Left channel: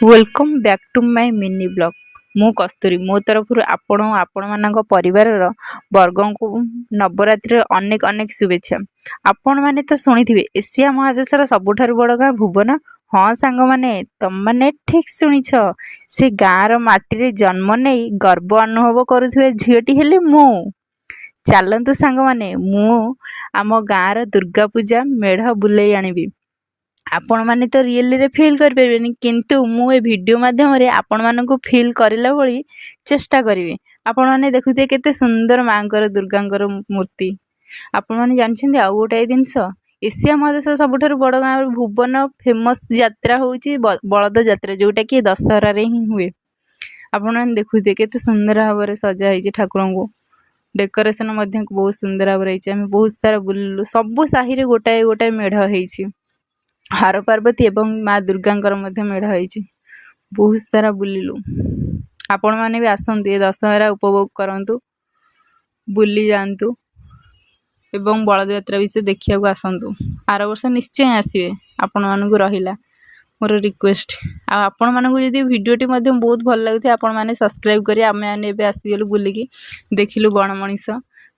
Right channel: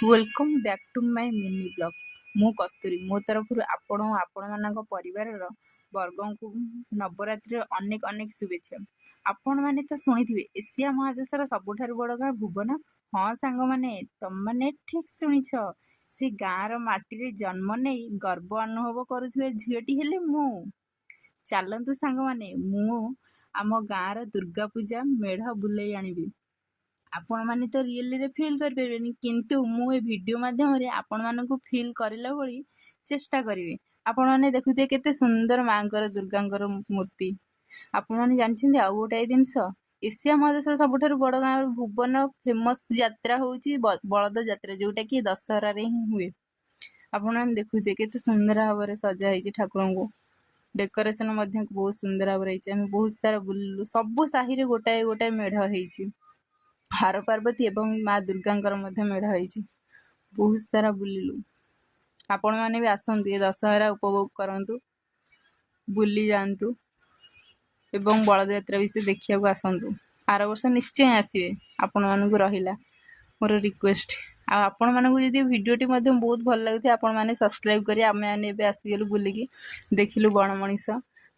Welcome back to my mini blog. ମୁଁ କସ୍ତୁରୀ। ମୋ ତରଫରୁ ଆପଣମାନଙ୍କ ପରିବାରର ବର୍ଗଙ୍କୁ ନବରାତ୍ରିର ଅନେକ ଅନେକ ଶୁଭେଚ୍ଛା। ଆପଣମାନେ ତ ଶୁଣିଥିବେ ଏସିଆ ମହାଦେଶର ସବୁଠାରୁ ବଡ଼ ଗାଁ ଭୁବନ। ହଁ ସାଙ୍ଗମାନେ, ତମମାନେ ଠିକ୍ ଶୁଣିଛ। ସେ ଗାଁର ମାଟିରେ ଜନ୍ମ ନେଇ ଗର୍ବ ଅନୁଭବ କରୁଥିବା ଝିଅଟି ହେଲି ମୁଁ। ଚାଲନ୍ତୁ ସାଙ୍ଗମାନେ, ମୁଁ ଆମ ଗାଁର ଦୁର୍ଗା ପୂଜା ମେଢ଼ ବୁଲେଇ ଆଣିବି। ଆପଣମାନେ ତ ରିଏଲିରେ ଫିଲ୍ କରିପାରିବେନି, କିନ୍ତୁ ମୁଁ ଏ ଭିଡ଼ିଓ ମାଧ୍ୟମରେ ଆପଣମାନଙ୍କୁ ଫିଲ୍ କରିଲା ଭଳି ଚେଷ୍ଟା କରିବି। ଆପଣମାନେ ଦେଖୁଥିବେ କେତେ ସୁନ୍ଦର ମାଙ୍କର ଦୁର୍ଗାଙ୍କର ମୂର୍ତ୍ତି। ଆପଣମାନେ ଜାଣିଛନ୍ତି ଆଉ ଗୋଟାଏ ଜିନିଷ, ଏସିଆ ମହାଦେଶର ସବୁଠାରୁ ବଡ଼ ଗାଁ ଭୁବନ ଫେମସ୍ ଯାତ୍ରା ହେଉଛି ବଳଦ ଯାତ୍ରା, ଯେଉଁଟାକି ଦଶହରାରେ ହିଁ ହୁଏ। ଆପଣମାନେ ଦେଖୁଥିବେ କେତେ ସୁନ୍ଦର ଭାବରେ ସଜା ହେଇଛି ଠାକୁରଙ୍କୁ। ଡେକୋରେସନ୍ ମଧ୍ୟ ବହୁତ ସୁନ୍ଦର ଭାବରେ ହେଇଛି। ଆମେ ବହୁତ ସାରା ବୁଲିଲୁ। ସବୁ ସାହିରେ ଗୋଟାଏ ଗୋଟାଏ ମେଢ଼ ହେଇଛି। ହର ପାର୍ବତୀ ଏବଂ ମା ଦୁର୍ଗାଙ୍କର ମଧ୍ୟ ମେଢ଼ ହେଇଛି। ବହୁତ ସାରା ବୁଲିଲୁ। ଆପଣମାନେ ବି ଆସନ୍ତୁ, ଏ ଦଶହରା ଉପଭୋଗ କରନ୍ତୁ, ବୁଲି ଯାଆନ୍ତୁ ଏବଂ ବଳଦ ଯାତ୍ରା ବିଷୟରେ ଦେଖିବାକୁ ଆସନ୍ତୁ। ଆର ବର୍ଷ ନିଶ୍ଚୟ ଆସିବେ। ଆପଣମାନଙ୍କୁ ରହିଲା ମୋର ରିକ୍ୱେଷ୍ଟ। ଆଉ ଆପଣମାନଙ୍କୁ ଯଦି ଭିଡ଼ିଓଟି ମଧ୍ୟ ବହୁତ ଭଲ ଲାଗୁଥାଏ, ଆପଣମାନେ ସବସ୍କ୍ରାଇବ୍ କରି ଆମେମାନେ ଏବେ ଆସିଗଲୁ ବୁଲିକି ଦେଖିଲୁ ବଣ ମଣିଷ।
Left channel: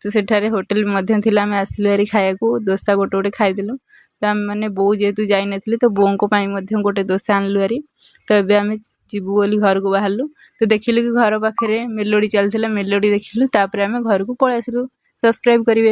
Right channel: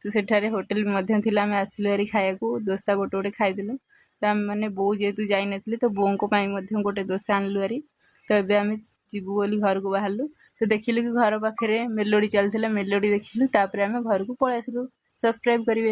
ତ ସେଠାରେ ହୋଟେଲ ମଧ୍ୟ ଥିଲା, ଆମେ ଆସିଲୁ ଭାରି ଖାଇବାକୁ। ଦୋସା ଗୋଟେ ଗୋଟେ ଖାଇଦେଲୁ। ତ ଆମେମାନେ ବୋଉ ଯେହେତୁ ଯାଇନଥିଲି, ତ ବୋଉଙ୍କ ପାଇଁ ମଧ୍ୟ ଗୋଟେ ଦୋସା ଆଣିଲୁ ଭାରି। ତ ଏବେ ଆମେ ଯିବୁ ବୋଲି ଘରକୁ ବାହାରିଲୁ। ତ ଦେଖିଲୁ କି ଘର ପାଖରେ ମେଲୋଡ଼ି ଚାଲିଥିଲା, ମେଲୋଡ଼ି ଦେଖିଲୁ। ତାପରେ ଆମେ ଘରକୁ ପଳେଇ ଆସିଲୁ। ସବସ୍କ୍ରାଇବ୍ କରିବେ।